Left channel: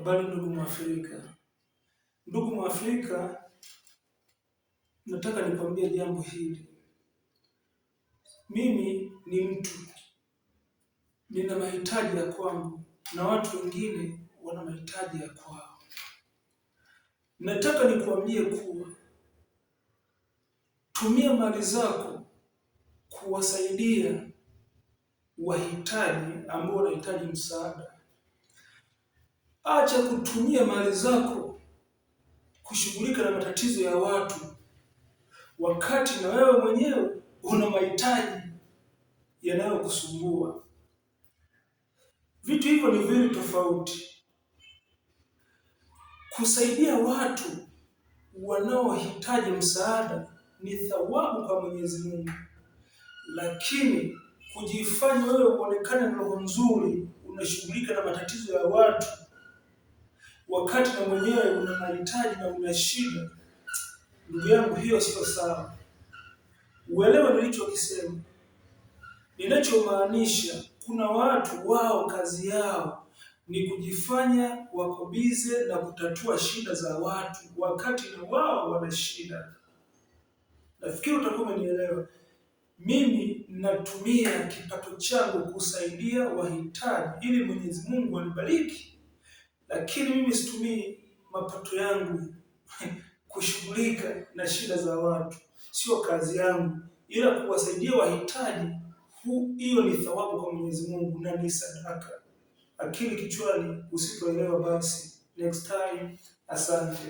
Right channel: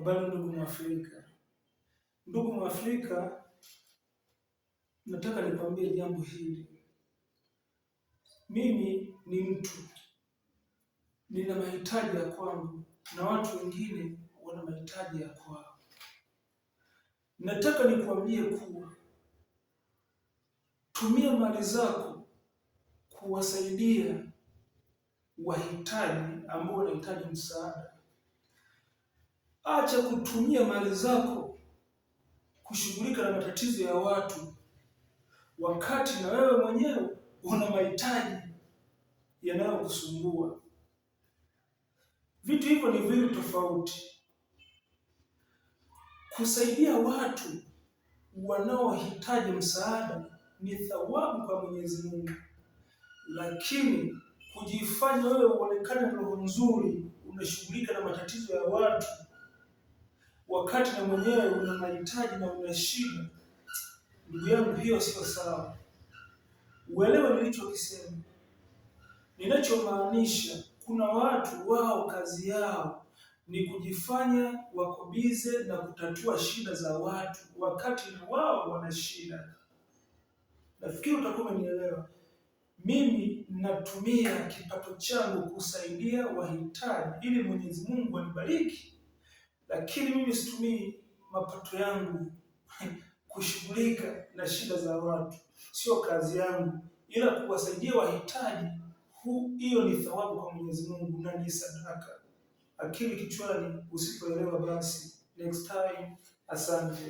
Habari ndugu Mwafrika. Ndugu Mwafrika, nataka nikwambie jambo hili. Mimi ni mtu, nina mahitaji ya kwangu na watu wengine wana mahitaji ya kwao. Nataka nikwambie kuwa tumia mali zako kuwasaidia wahitaji ambao wanahitaji msaada. Acha kutumia mali zako kushughulika na matatizo ya watu wakati na wewe mwenyewe una mahitaji yanayokusumbua. Vitu hivyo ni viwili tofauti. Kusaidia watu wanaohitaji msaada ni thawabu kwa Mwenyezi Mungu, lakini kujifanya wewe uonekane na roho nzuri, unashughulika na matatizo ya watu wakati na mwenyewe una mahitaji na una shida, ndugu yangu, hiyo sio sawa. Uelewe nilichokisema. Ninachomaanisha, kuna watu wao kazi yao ni kujifanya wako bize na kutatua shida za watu wakati na wao wana shida. Nafikiri utakuwa umenielewa. Mimi natumia kipato changu kusaidia wahitaji ili Mwenyezi Mungu anibariki, lakini mimi situmii mapato yangu kushughulika na shida za watu. Sio kazi yangu, ila kuwasaidia wahitaji, hiyo ni thawabu kwa Mwenyezi Mungu na ni sadaka. Akili kichwani, usipoelewa basi next time. Asante.